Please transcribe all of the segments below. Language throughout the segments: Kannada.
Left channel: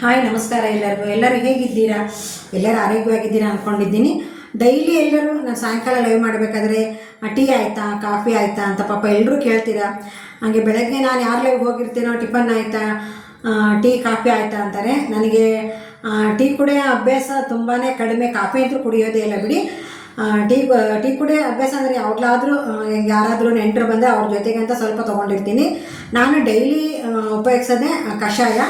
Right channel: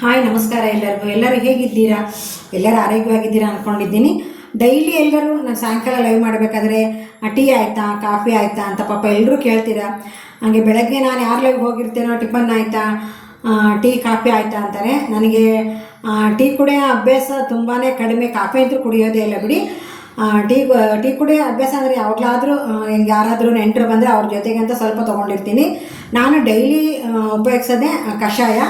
ಹಾಯ್ ನಮಸ್ಕಾರ ಎಲ್ಲರಿಗೂ. ಎಲ್ಲರೂ ಹೇಗಿದ್ದೀರಾ? ಎಲ್ಲರೂ ಆರೋಗ್ಯವಾಗಿದ್ದೀರಾ ಅಂದ್ಕೊಂಡಿದ್ದೀನಿ. ಡೈಲಿ ಎಲ್ಲರೂ ನಾನು ಸಾಯಂಕಾಲ ಲೈವ್ ಮಾಡಬೇಕಾದ್ರೆ ಟೀ ಆಯಿತಾ, ಕಾಫಿ ಆಯಿತಾ ಅಂತ ಪಾಪ ಎಲ್ಲರೂ ಕೇಳ್ತೀರಾ. ಹಾಗೆ ಬೆಳಗ್ಗೆ ನಾನು ಯಾರು ಲೈವ್ ಹೋಗಿರ್ತೇನೋ ಟಿಫನ್ ಆಯಿತಾ, ಟೀ ಕಾಫಿ ಆಯಿತಾ ಅಂತಾರೆ. ನನಗೆ ಟೀ ಕುಡಿಯೋ ಅಭ್ಯಾಸ ತುಂಬಾ ಕಡಿಮೆ. ಕಾಫಿ ಅಂತೂ ಕುಡಿಯೋದೇ ಇಲ್ಲ ಬಿಡಿ. ಟೀ ಕುಡಿಯೋ ಅಭ್ಯಾಸ ಅಂದರೆ ಯಾವಾಗಲಾದರೂ ಯಾರಾದರೂ ನೆಂಟರು ಬಂದರೆ ಅವ್ರ ಜೊತೆಗೆ ಅಂತ ಸ್ವಲ್ಪ ತೊಗೊಂಡಿರ್ತೀನಿ. ನಾನು ಡೈಲಿ ಉಪಯೋಗಿಸೋದೇ ಕಷಾಯ.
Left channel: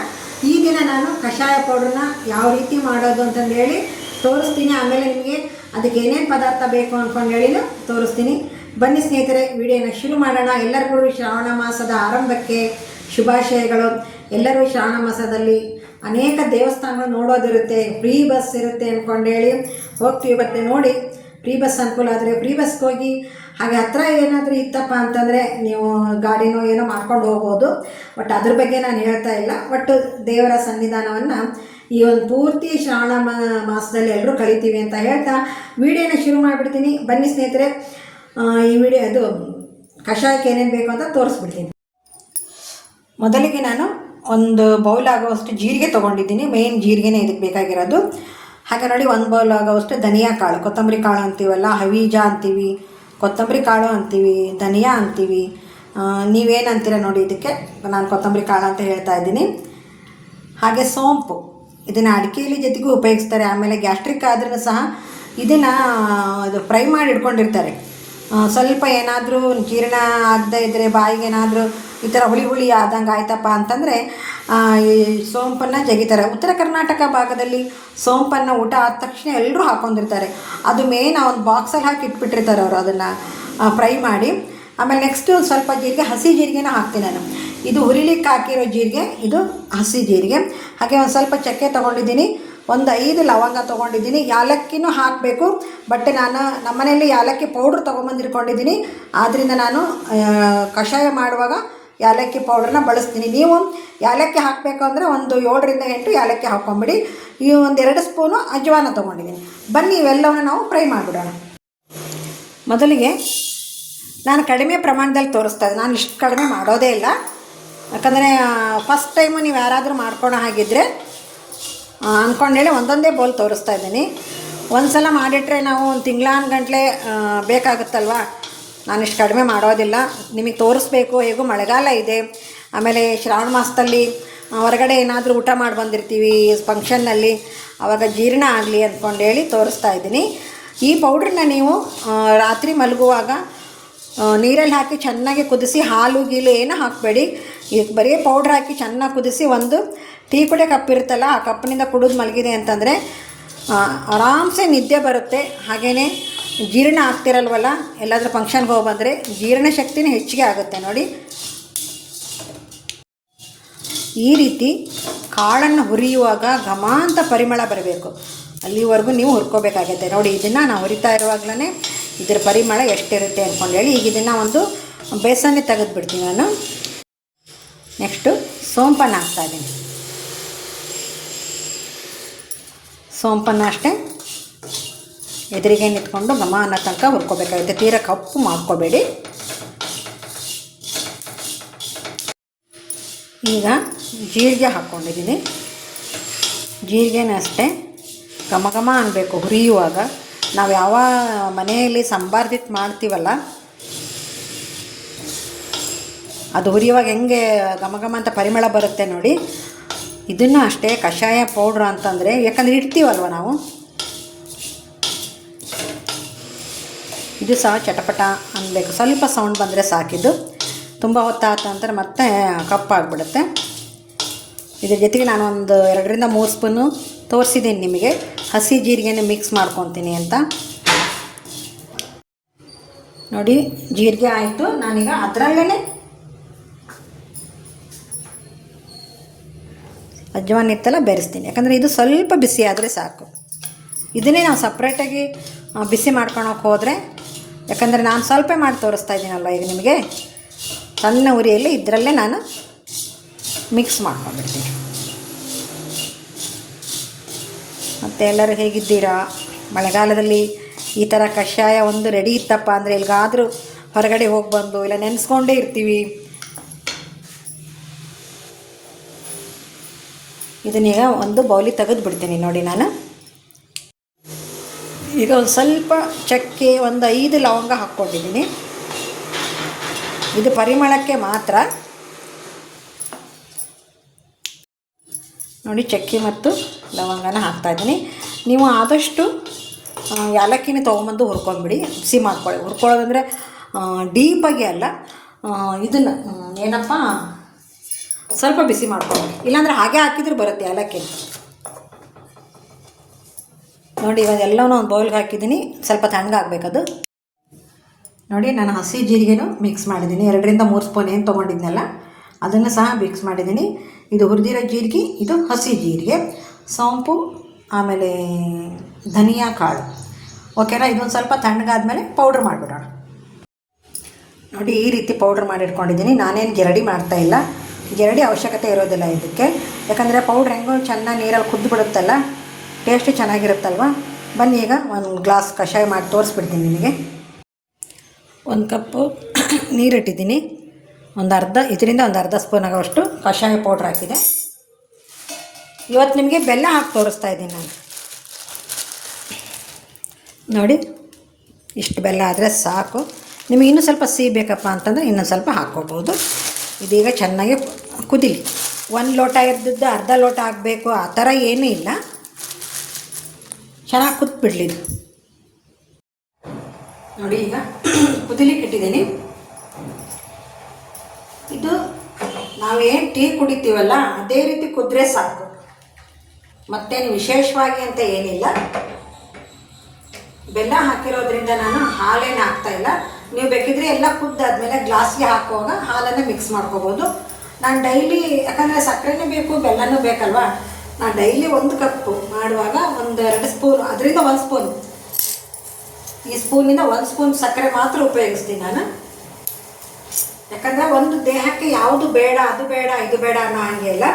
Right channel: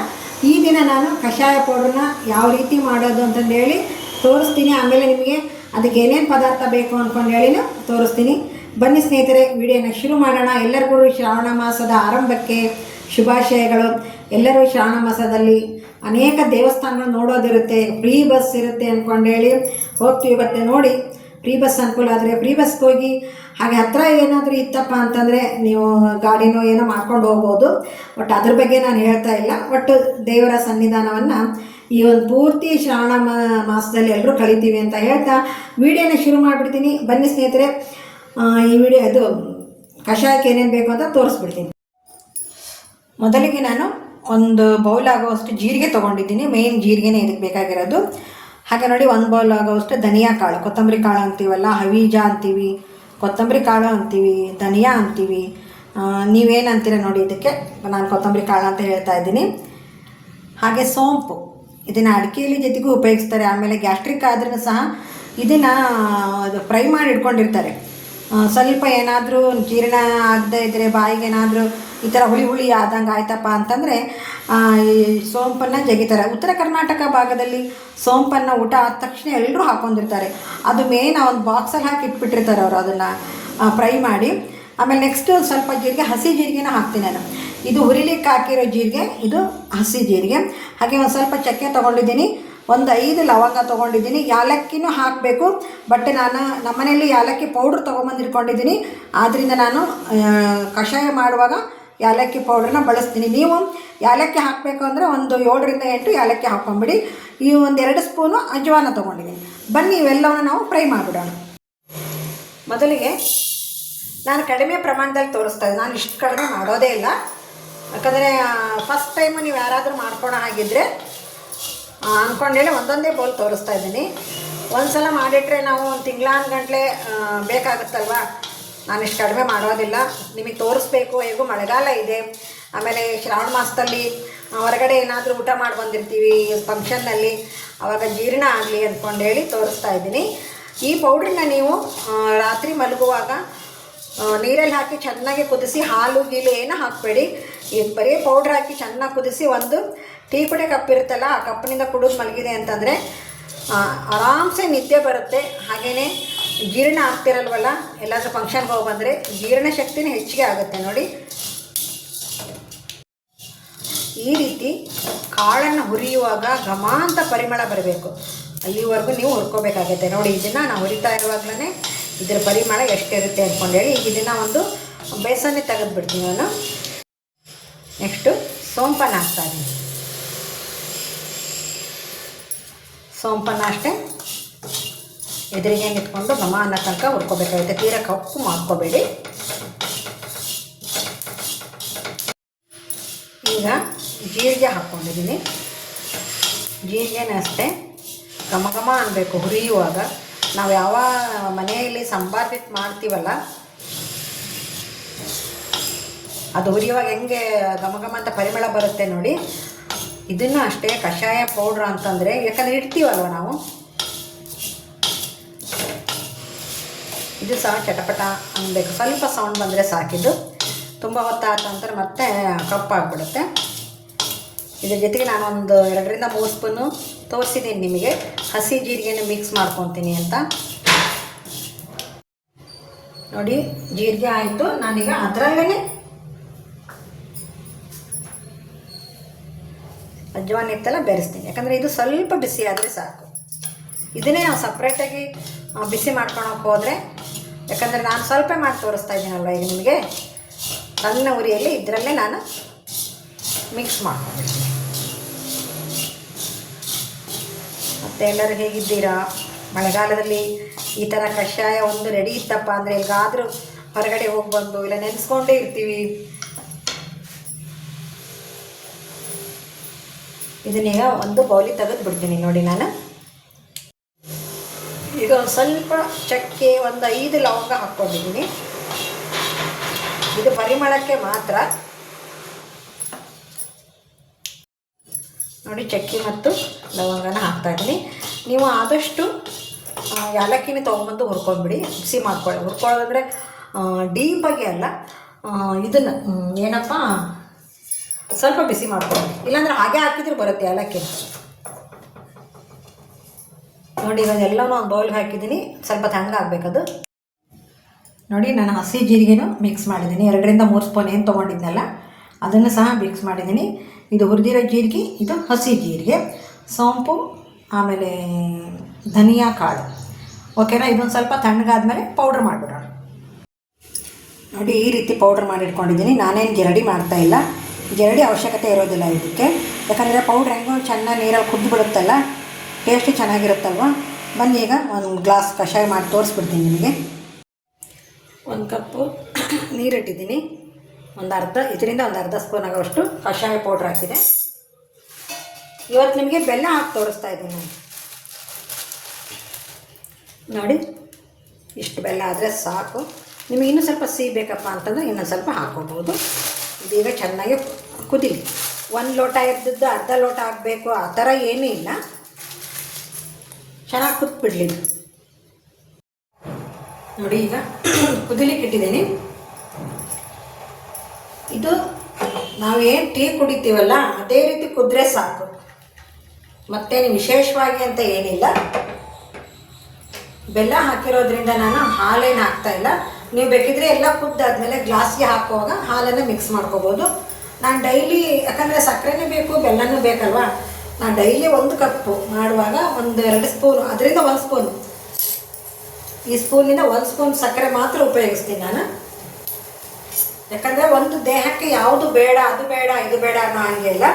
ಈ ದಿನ ನಾನು ಕಷಾಯ ಪೌಡ್ರನ್ನ ಯಾವ ರೀತಿ ಮಾಡೋದು ಅಂತಂದೇಳಿ ತೋರಿಸ್ತೀನಿ. ಆಮೇಲೆ ನಿಮಗೆ ಅದಕ್ಕೆ ಏನೇನು ಪದಾರ್ಥ ಬೇಕು ಅಂದ್ಕೊಂಡು ಹೇಳಿನೂ ತೋರಿಸ್ತೀನಿ. ಬನ್ನಿ ಸ್ನೇಹಿತರೆ, ವಿಡಿಯೋನ ಶುರು ಮಾಡೋಣ. ಎಲ್ಲರಿಗೂ ಶ್ರಾವಣ ಮಾಸದ ಆರಂಭಕ್ಕೆ ಶುಭಾಶಯಗಳು. ಎಲ್ಲರೂ ಶ್ರಾವಣ ಮಾಸದಲ್ಲಿ ಅನೇಕ ದೇವಸ್ಥಾನಗಳು ನೋಡೋದಿರುತ್ತೆ, ಫ್ರೀ ಬಸ್ ಇರುತ್ತೆ ಅಂದ್ಕೊಂಡೇಳಿ ಹೋಗ್ತೀವಿ. ಮತ್ತೆ ನೋಡಿ, ಫ್ರೀ ಬಸ್ ಅನುಕೂಲ ಆದರೆ ಫ್ರೀ ಬಸ್ಗೆ ಹೋಗಿ. ಹಾಗೆ ಹತ್ತಿರ ಏನಾದರೂ ಇತ್ತಪ್ಪ ಅಂತಂದರೆ ನೀವು ಗಾಡಿನೋ ಏನೋ ಮಾಡ್ಕೊಂಡು ಹೋಗ್ಬೋದು. ಬಟ್ ಅದ್ರ ಬಗ್ಗೆ ನಾನು ಹೇಳ್ತಾ ಇಲ್ಲ. ಒಟ್ಟು ದೇವರ ಸನ್ನಿಧಾನವನ್ನು ಈ ಒಂದು ಪೂರ್ತಿ ಶ್ರಾವಣ ಮಾಸದಲ್ಲಿ ಎಲ್ಲರೂ ಕಲಿತೀವಿ ಅಂತ ಹೇಳ್ತಾ ವಿಡಿಯೋನ ಶುರು ಮಾಡಿಬಿಡ್ತೀನಿ. ಬನ್ನಿ ಸ್ನೇಹಿತರೆ, ಈ ವಿಡಿಯೋ ಅದು ಕಷಾಯಕ್ಕೆ ಏನೇನು ಬೇಕು ಅಂತ ತೋರಿಸ್ಬಿಡ್ತೀನಿ. ಮೊದಲಿಗೆ ನಾನು ಒಂದು ಬೌಲ್ ಆಗೋವಷ್ಟು ಜೀರಿಗೆ ತೊಗೊಂಡಿದ್ದೀನಿ. ಮೇನ್ ಜೀರಿಗೆನೇ ಇದಕ್ಕೆ ಬೇಕಾಗಿರೋದು. ಹಾಗೆ ನೋಡಿ, ಒಂದು ಬೌಲ್ ಆಗೋವಷ್ಟು ಧನಿಯಾ ಕಾಳು, ಕೊತ್ತಂಬರಿ ಕಾಳು ಅಂತೀವಲ್ಲ, ಹವೀಜ ಅಂತೀವಿ, ಕೊತ್ತಂಬರಿ ಕಾಳು ಅಂತೀವಿ, ಧನಿಯಾ ಅಂತೀವಿ. ನೀವೇನು ಅಂತೀರ ನೋಡಿ, ಇದಕ್ಕೆ ನಾನು ಕೊತ್ತಂಬರಿ ಕಾಳು ಅಂತ ಹೇಳ್ತಾ ಇದ್ದೀನಿ. ಹಾಗೆ ಸೋಂಪು, ಇದನ್ನು ಅಡಿಕೆಯಲ್ಲಿ ಜೊತೆಗೂ ಉಪಯೋಗಿಸ್ತಾರೆ. ಆಮೇಲೆ ಗ್ಯಾಸ್ಟ್ರಿಕ್ ಆದ್ರೂ ಸಹ ಇದನ್ನು ಅದು ಫ್ರೈ ಮಾಡಿ ಇಟ್ಕೊಂಡಿರ್ತಾರೆ. ಸ್ವಲ್ಪ ಏನಾದರೂ ಜೀರ್ಣ ಆಗದೇ ಇದ್ದರೆ, ಬಾಯಿಗೆ ಏನಾದರೂ ಈ ಥರ ಹುಳಿ ಆದಂಗೆ ಆಯ್ತಪ್ಪ ಅಂತಂದರೆ ಈ ಸೋಂಪನ್ನು ಜಗಿತಾರೆ. ಉತ್ತರ ಕರ್ನಾಟಕ ಭಾಗದಲ್ಲಿ ಸೋಂಪನ್ನು ಊಟ ಆದ ತಕ್ಷಣ ಎಲ್ಲರೂ ಹಾಕ್ಕೊಂಡಿರ್ತಾರೆ. ಅದು ಮೇನ್ ಆ ಒಂದು ಬಾಕ್ಸಲ್ಲಿ ಹಾಕಿ ಇಟ್ಬಿಟ್ಟಿರ್ತಾರೆ ಅವರು, ಅದನ್ನು ಫ್ರೈ ಮಾಡಿ. ಆಮೇಲೆ ನೆಕ್ಸ್ಟು ಸ್ವಲ್ಪ ಜೀರಿಗೆ, ಹಸಿ ಜೀರಿಗೆನ ಹಾಕ್ತೀನಿ ನಾನು. ಇದು ಹುರಿಲಿಕ್ಕೆ ಹಾಕಿರೋ ಜೀರಿಗೆ, ಇದು ಹಸಿ ಜೀರಿಗೆ. ಹಾಗೆ ಒಂದು ಸ್ವಲ್ಪ ಚಕ್ಕೆ ತೊಗೊಂಡಿದ್ದೀನಿ, ಒಂದು 5 ಲವಂಗ ತೊಗೊಂಡಿದ್ದೀನಿ. ಯಾಲಕ್ಕಿನೂ ಹಾಕಬೇಕು. ಬಟ್ ನಾನು ನಮ್ಮನೆಯಲ್ಲಿ ಯಾಲಕ್ಕಿ ಪೌಡ್ರ್ ತೊಗೊಂಬಂದಿಟ್ಕೊಂಡಿದ್ದೀನಿ. ಆದ್ದರಿಂದ ನಾನು ಕಷಾಯ ಮಾಡುವಾಗ ಯಾಲಕ್ಕಿ ಪೌಡ್ರನ್ನ ಬಳಸ್ತೀನಿ. ನೀವು ಯಾಲಕ್ಕಿ ಹಾಕಬೇಕು ಅಂದರೆ ಒಂದು 7ರಿಂದ 8 ಯಾಲಕ್ಕಿ ಹಾಕ್ಕೊಂಬಿಡಿ. ಈ ಒಂದು 2 ಸ್ಪೂನು ಅಜ್ವಾನ ತೊಗೊಂಡಿದ್ದೀನಿ. ಬನ್ನಿ ಇವೆಲ್ಲವನ್ನು ನಾವು ಫ್ರೈ ಮಾಡಿಬಿಡೋಣ. ಮೊದಲಿಗೆ ನಾನು ಕಡಿಮೆ ಪ್ರಮಾಣದಲ್ಲಿ ತೋರಿಸ್ತಾ ಇದ್ದೆ. ನಾನು ಇಷ್ಟು ಕಡಿಮೆ ಮಾಡೋದೇ ಇಲ್ಲ. ಯಾಕಂದರೆ ಫಸ್ಟ್ ಟೈಮು ನೀವು ಯಾರಾದರೂ ಮಾಡ್ಕೊಳೋ ಹಾಗಿದ್ದರೆ ಅಂದ್ಕೊಂಡೇಳಿ ಒಂದೊಂದೇ ಬೌಲ್ ತೋರಿಸ್ತಾ ಇದ್ದೀನಿ. ಒಂದು ಸಲ ಮಾಡಿಟ್ರೆ ನಾವು ಒಂದು ತಿಂಗಳಾನ್ಗಂಟ್ಲೆ ಬೇಕಾಗುತ್ತಲ್ವ. ನಾನು ಇಷ್ಟು ಕಡಿಮೆ ಮಾಡೋದಿಲ್ಲ. ನಿಮಗೆ ತೋರಿಸ್ಬೇಕು. ಹೇಗೂ ಮಳೆಗಾಲ ಇದೆ. ಆಮೇಲೆ ಶ್ರಾವಣ ಮಾಸದಲ್ಲಿ ಹೊರಗಡೆ ಏನಾದರೂ ಊಟ ಮಾಡಿ ಬಂದಿರ್ತೀವಿ ಫಂಕ್ಷನ್ನಲ್ಲಿ, ಆವಾಗ ಜೀರ್ಣ ಆಗಲಿ ಅಂದ್ಕೊಂಡೇಳಿ ತೋರಿಸ್ತಾ ಇದ್ದೀನಿ. ಈ ಪೌಡ್ರನ್ನ ನೀವು ರಾತ್ರಿ ಮಲಗುವಾಗ ನೀರಲ್ಲಿ ಹಾಕಿ ಚೆನ್ನಾಗಿ ಕುದಿಸಿ, ಹಾಲು ಗೀಲು ಏನೂ ಹಾಕಬೇಡಿ. ಇದು ಬರೀ ಪೌಡ್ರ್ ಹಾಕಿ ಚೆನ್ನಾಗಿ ಕುದಿಸಿ, ಒಂದು ಟೀ ಕುಡಿಯೋ ಕಪ್ ಇರುತ್ತಲ್ಲ, ಆ ಕಪ್ಪಿನಿಂದ ಕುಡಿದು ಮಲಗಿದೆ ಅಂತಂದರೆ ಆರಾಮ್ಸೆ ನಿದ್ದೆ ಬರುತ್ತೆ. ಹಾಗೆಯೇ ಜೀರ್ಣ ಆಗ್ತಿರಲ್ವಲ್ಲ, ಎಲ್ಲಾದರೂ ಫಂಕ್ಷನ್ಗೆ ಹೋಗಿ ಬಂದರೆ ಜೀರ್ಣ ಶಕ್ತಿನೂ ಹೆಚ್ಚಿಗೆ ಆಗುತ್ತೆ. ನೋಡಿ, ಈ ರೀತಿ ಕಾಳನ್ನು ಹುರಿಯುವಾಗ ಘಮ ಅಂತ ಪರಿಮಳ ಬರಬೇಕು. ಅಲ್ಲಿವರೆಗೂ ನೀವು ಹುರ್ಕೋಬೇಕಾಗುತ್ತೆ. ನೋಡಿ, ಇದನ್ನು ನಾವು ಹುರಿತಾ ಇರುವಾಗಲೇ ಇದರ ಪರಿಮಳ ಎಷ್ಟಿರುತ್ತೆ ಅಂದ್ಕೊಂಡೇಳಿ ಈಗ ಇದನ್ನು ಒಂದು ಬೇಸನ್ನೇ ತೆಗೆದುಬಿಡ್ತೀನಿ ನಾನು. ನೆಕ್ಸ್ಟು ಸೋಂಪನ್ನು ಹಾಕ್ತಾಯಿದ್ದೀನಿ. ಸೋಂಪನ್ನು ಅಷ್ಟೇ ಎದುರಿಗೆ ನಿಂತ್ಕೊಂಡು ಘಮ ಅನ್ನೋ ತನಕ ಹುರ್ಕೋಬೇಕಾಗುತ್ತೆ. ತೀರಾ ಕಪ್ಪು ಮಾಡ್ಕೋಬೇಡಿ. ಈಗ ಜೀರಿಗೆ ಹಾಕ್ಕೊಂಡಿದ್ದೀನಿ. ಜೀರಿಗೆನ ಅಷ್ಟೇ ಘಮ ಘಮ ಅನ್ನಬೇಕು ಹುರಿಯುವಾಗ. ನಾವು ಯಾವ ಮನೆಯಲ್ಲಿ ಸಂಬಾರ್ದಿಟ್ಟು ಮಾಡ್ತೀವಲ್ಲ, ಅದು ಹುರಿಯುವಾಗ ಹೆಂಗೆ ಘಮ ಘಮ ಅಂತ ಪರಿಮಳ ಬರುತ್ತೆ ನೋಡಿ. ಇದನ್ನು ಅಷ್ಟೇ ಕಷಾಯ ಪೌಡ್ರ್ ಅಂತಂದರೆ, ಯಾಕಂದರೆ ಇಡ್ತೀವಲ್ವ ನಾವು, ಇದು ಸಹ ಚಟಪಟ ಅನ್ನಬೇಕು. ಸ್ವಲ್ಪ ಸೌಂಡ್ ಬಂದರೆ ಸಾಕಿದ್ದು. ತುಂಬ ಹೊತ್ತಾದ ನಂತರ ಮತ್ತೆ ಕಪ್ಪಾಗಿಬಿಡುತ್ತೆ. ಇದ್ರ ಜೊತೆಗೆ ನಾನು ಒಂದು 2ರಿಂದ 3 ಸ್ಪೂನು ತೋರಿಸಿದ್ದೀನಿ ನಿಮಗೆ ಹಸಿ ಜೀರಿಗೆನ ಮಿಕ್ಸ್ ಮಾಡ್ಕೊತೀನಿ ಅಂತ. ನೋಡಿ, ಜೀರಿಗೆ ಆಯಿತು. ನಾನೀಗ ಅದರಲ್ಲೇ ಅಜ್ವಾನ ಇತ್ತಲ್ಲ ಬೆರೆಸ್ತೀನಿ. ಯಾಕಂದರೆ ಇದು ಸ್ವಲ್ಪ ಬಿಸಿ ಆದರೆ ಸಾಕು. ಇದನ್ನೇ ನಾವು ಸಪ್ರೇಟಾಗಿ ಬಿಸಿ ಮಾಡ್ಕೊಳಕ್ಕೆ ಹೋದರೆ, ಯಾಕಂದರೆ ನಾನು ಸ್ವಲ್ಪ ಮಾಡಿ ತೋರಿಸ್ತಾ ಇದ್ದೀನಲ್ವ ಈಗ ನಿಮಗೆ, ಸಣ್ಣ ಉರಿಯಲ್ಲಿ ಇದರಲ್ಲೇ ನಾನು ಮಿಕ್ಸ್ ಮಾಡ್ಕೊಂಡ್ಬಿಡ್ತೀನಿ. ಮತ್ತು ಎಲ್ಲರೂ ಹೇಗಿದ್ದೀರಾ? ಮಳೆಗಾಲದಲ್ಲಿ ಈ ಥರ ಕಷಾಯ ಒಂದು ರೆಡಿ ಇತ್ತಪ್ಪ ಅಂದರೆ ಎಲ್ಲಿಗಾದರೂ ಹೊರಗಡೆ ಹೋಗ್ಬಂದು ಇಲ್ಲ ನೆನೆಸ್ಕೊಂಡೇ ಇರ್ತೀವಿ. ಇದನ್ನೀಗ ಒಂದು ಬೌಲಿಗೆ ತೆಗೆದು ಬಿಡ್ತೀನಿ ನೋಡಿ ನಾನು. ಈಗ ಒಂದು ಸ್ವಲ್ಪ ಚಕ್ಕೆ, ಒಂದು 5 ಲವಂಗ ಹಾಕ್ಕೊಂಡಿದ್ದೀನಿ. ಇದು ಪರಿಮಳಕ್ಕೆ ಮಾತ್ರ. ನೋಡಿ ಚಕ್ಕೆ ಮತ್ತು ಲವಂಗನ ಹಾಕ್ತಾಯಿದ್ದೀನಿ. ನೀವು ಆದಷ್ಟು ಏಲಕ್ಕಿನ ತೊಗೊಂಬಂದು ಹುರ್ಕೊಂಡ್ಬಿಡಿ, ಬಿಸಿ ಮಾಡ್ಕೊಳ್ಳಿ. ಹುರ್ಕೊಳ್ಳೋದಂದರೆ ಡೀಪಾಗಿ ಅಲ್ಲ, ಇದನ್ನು ಏನಪ್ಪ ಸ್ವಲ್ಪ ಬಿಸಿ ಮಾಡ್ಕೊಳ್ಳಿ, ಇಲ್ಲಾಂದರೆ ಹಾಗೆ ಹಾಕಿದರೂ ಬರುತ್ತೆ ಏಲಕ್ಕಿ. ನೋಡಿ ಇವಾಗೆಲ್ಲವೂ ಒಂದು ಬೌಲ್ಗೆ ಹಾಕಿದ್ದೀನಿ, ಸ್ವಲ್ಪ ತಣ್ಣಗಾಗಬೇಕದು. ನೋಡಿ ನಾನು ಹಸಿ ಜೀರಿಗೆನೂ ಮಿಕ್ಸ್ ಮಾಡಿದ್ದೀನಿ, 2ರಿಂದ 3 ಸ್ಪೂನ್ ಏನು ತೊಗೊಂಡಿದ್ನಲ್ಲ ಅದನ್ನು ಸಹ ಮಿಕ್ಸ್ ಮಾಡಿದ್ದೀನಿ. ಇದು ಹುರಿದಿರೋ ಜೀರಿಗೆ, ಇದು ಹಸಿ ಜೀರಿಗೆ, ಸೋಂಪು, ಆಮೇಲೆ ಧನಿಯಾ ಕಾಳು. ಓಕೆನಾ? ಇದೊಂದು ಸ್ವಲ್ಪ ತಣ್ಣಗಾದ್ಮೇಲೆ ಪೌಡ್ರ್ ಮಾಡಿಬಿಡೋಣ. ನೋಡಿ ಈ ರೀತಿ ಪೌಡ್ರ್ ಮಾಡಿಟ್ಕೊಂಡಿದ್ದೀನಿ. ನಾನೇನು ಜರಡಿ ಮಾಡ್ತಾಯಿಲ್ಲ, ಜರಡಿ ಅವಶ್ಯಕತೆ ಇರೋದಿಲ್ಲ ಇದಕ್ಕೆ, ಯಾಕಂದರೆ ಪೌಡ್ರ್ ಹೆಂಗೋ ಚೆನ್ನಾಗಿ ನೀರಲ್ಲಿ ಕುದ್ದು ಬಿಡುತ್ತಲ್ಲ, ಟೇಸ್ಟು ಚೆನ್ನಾಗಿರುತ್ತಲ್ವ. ಬನ್ನಿ ಈಗ ಒಂದು ಗ್ಲಾಸ್ ಕಷಾಯ ಮಾಡಿ ತೋರಿಸ್ಬಿಡ್ತೀನಿ ನಿಮಗೆ. 1 ಕಪ್ಪು ನೀರಿಟ್ಟಿದ್ದೀನಿ, ಇದರಿಂದ ಒಂದು ಅರ್ಧ ಸ್ಪೂನ್ ಆಗೋಷ್ಟು ಕಷಾಯ ಪೌಡ್ರ್ ಹಾಕಿದೆ. ಇವತ್ತು ನಿಮಗೆ ಬೆಲ್ಲ ಹಾಕಿ ತೋರಿಸ್ತಾ ಇದ್ದೀನಿ ನಾನು. ನೋಡಿ ಇಷ್ಟು ಬೆಲ್ಲ ಆದರೆ ಸಾಕು. ನಿಮಗೆ ಇನ್ನೂ ಸ್ವಲ್ಪ ಸಿಹಿ ಬೇಕಪ್ಪ ಅಂತಂದರೆ ಇನ್ನೊಂದು ಸ್ವಲ್ಪ ಹಾಕ್ಕೋಬೋದು. ಇದೀಗ ಚೆನ್ನಾಗಿ ಕುದೀಲಿ. 1 ಲೋಟ ಇದ್ದದ್ದು ಅರ್ಧ ಲೋಟ ಆಗಬೇಕು ಆ ಥರ ಏನೂ ಇಲ್ಲ, ಚೆನ್ನಾಗಿ ಕುದ್ಬಿಡ್ಲಿ ಇದು. ನೋಡಿ ಈಗ ಕುದಿಲಿಕ್ಕೆ ಇಟ್ಟಿದ್ದೀನಿ. ಇದು ನಾವೇನು ಟೀ ಕುಡಿತೀವಲ್ಲ ಅದೇ ರೀತಿ ಕುದ್ರೆ ಸಾಕು, ಮತ್ತೇನು ವಿಶೇಷವಾಗಿ ಅಂತ ಏನಿಲ್ಲ. ಬೆಲ್ಲ ಹಾಕಿರೋದ್ರಿಂದ ನಾನು ಹಾಲೇನು ಹಾಕ್ತಾಯಿಲ್ಲ. ನೀವು ಬೇಕಿದ್ರೆ ಎಲ್ಲ ಕುದ್ದಾದ್ಮೇಲೆ ಗ್ಲಾಸ್ಗೆ ಹಾಕುವಾಗ ಹಾಲನ್ನು ಮಿಕ್ಸ್ ಮಾಡ್ಕೋಬೋದು. ನಾನು ಡೈಲಿ, ಯಾಕಂದರೆ ಸಕ್ಕರೆನೇ ಬೇಕು ಬೆಲ್ಲನೂ ಬೇಕಲ್ವ, ನಾನು ಡೈಲಿ 1 ಕಪ್ಪು ಮಾಡುವಾಗ 1-2 ಸ್ಪೂನು, ಅದರಿಂದ 1 ಸ್ಪೂನು, ಈ ಸ್ಪೂನಿಂದ 1 ಸ್ಪೂನ್ ಸಕ್ಕರೆ ಮಾತ್ರ ಉಪಯೋಗಿಸ್ತೀನಿ ನಾನು. ಯಾಕಂದರೆ ಒಂದು ದೇಹಕ್ಕೆ ಯಾವುದು ಬೇಡ, ಅದು ಬೇಡ, ಇದು ಬೇಡ ಅನ್ನೋ ಹಾಗೆ ಇಲ್ಲ.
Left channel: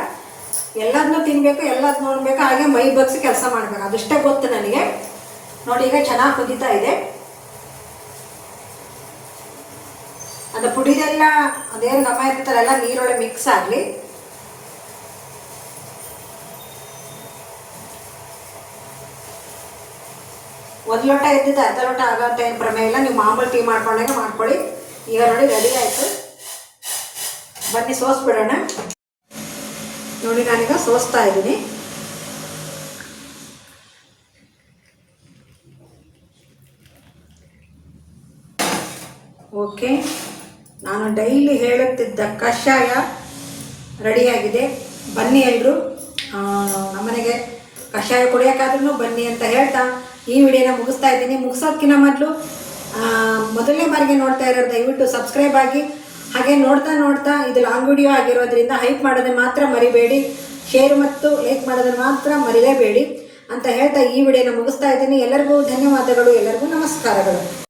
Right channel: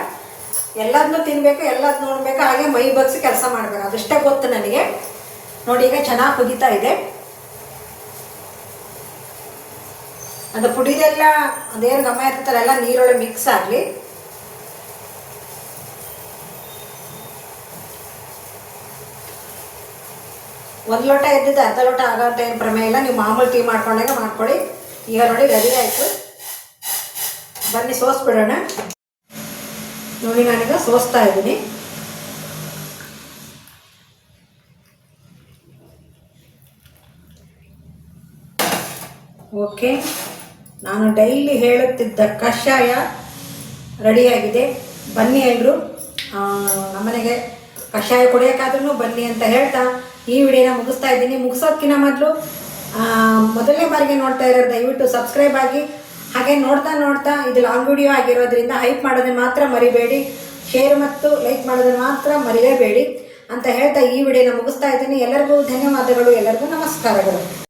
ಎಲ್ಲದನ್ನೂ ತಿನ್ನಬೇಕು, ಎಲ್ಲದನ್ನೂ ನೋಡಬೇಕು, ಹಾಗೆ ಮೈ ಬಗ್ಸಿ ಕೆಲಸ ಮಾಡಬೇಕು, ಅದಷ್ಟೇ ಗೊತ್ತು ನನಗೆ. ನೋಡಿ ಈಗ ಚೆನ್ನಾಗಿ ಕುದೀತಾ ಇದೆ. ಅದು ಪುಡಿದೆಲ್ಲ ಅದೇನು ಗಮ ಇರ್ತಾರಲ್ಲ ನೀರೊಳಗೆ ಮಿಕ್ಸ್ ಆಗಲಿ. ಒಂದು ಲೋಟ ಇದ್ದಿದ್ದು ಅರ್ಧ ಲೋಟ ಆಗೋಂಥ ಏನು ಪ್ರಮೇಯ ಇಲ್ಲ, ನೀವು ಮಾಮೂಲಿ ಟೀ ಮಾಡ್ಕೊಂಡಾಗ ಮಾಡ್ಕೊಳ್ಳಿ. ಈಗ ನೋಡಿ ರೆಡಿ ಆಯಿತು, ಬನ್ನಿ ಸೋಸ್ಬಿಡೋಣ. ನೋಡಿ ನಾನೀಗ ಸೋಸ್ತಾ ಇದ್ದೀನಿ. ಓಕೆ, ನಾನು ಡೈಲಿ ಹೇಳುತ್ತಿದ್ದ ಕಷಾಯ ರೆಡಿಯಾಗಿದೆ. ಬನ್ನಿ ಎಲ್ಲರೂ ನಮ್ಮನೆಗೆ ಕಷಾಯ ಕುಡಿಯೋಕ್ಕಾದ್ರೂ ಬನ್ನಿ ಅಂತ ಹೇಳ್ತಾ ಈ ವಿಡಿಯೋನ ಮುಗಿಸ್ತಾ ಇದ್ದೀನಿ. ಮುಗಿಸೋದಕ್ಕಿಂತ ಮೊದಲು ಮೊದಲನೇ ಬಾರಿಗೆ ನೋಡ್ತಾ ಇರೋರು ದಯವಿಟ್ಟು ಸಬ್ಸ್ಕ್ರೈಬ್ ಆಗಿ, ಹಾಗೆ ನೋಡ್ತಾ ಇದು ಲಾಂಗ್ ವಿಡಿಯೋ ಆಗಿರೋದ್ರಿಂದ ಹೈಪ್ ಮಾಡೋದನ್ನು ಮಾತ್ರ ಮರಿಬೇಡಿ, ಶೇರ್ ಮತ್ತು ಲೈಕ್ ಮಾಡೋದನ್ನು ಮಾತ್ರ ಮರಿಲೇಬೇಡಿ ಅಂತ ಹೇಳ್ತಾ ಈ ವಿಡಿಯೋನ ಮುಗಿಸ್ತಾ ಇದ್ದೀನಿ. ಎಲ್ಲರಿಗೂ ಧನ್ಯವಾದಗಳು, ಎಲ್ಲರಿಗೂ ನಮಸ್ಕಾರಗಳು.